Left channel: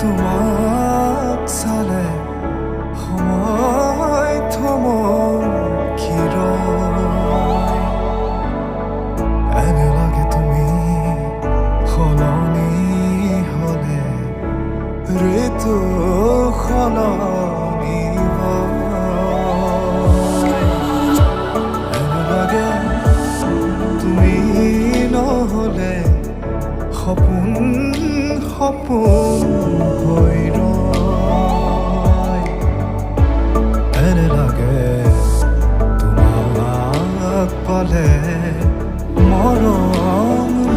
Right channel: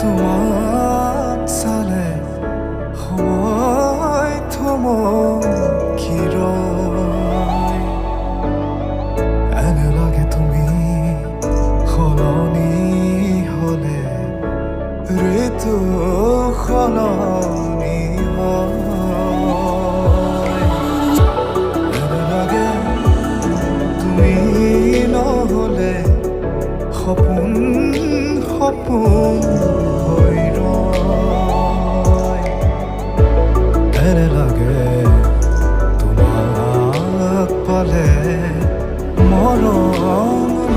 তোমাক চালে সময় থমকি ৰয় এনে লাগে তুমি সলনি হলে ঋতু সলনি হয় এনে লাগে তুমি নহলে সপোন সপোন হৈ ৰয় এনে লাগে তোমাক পালে মৰম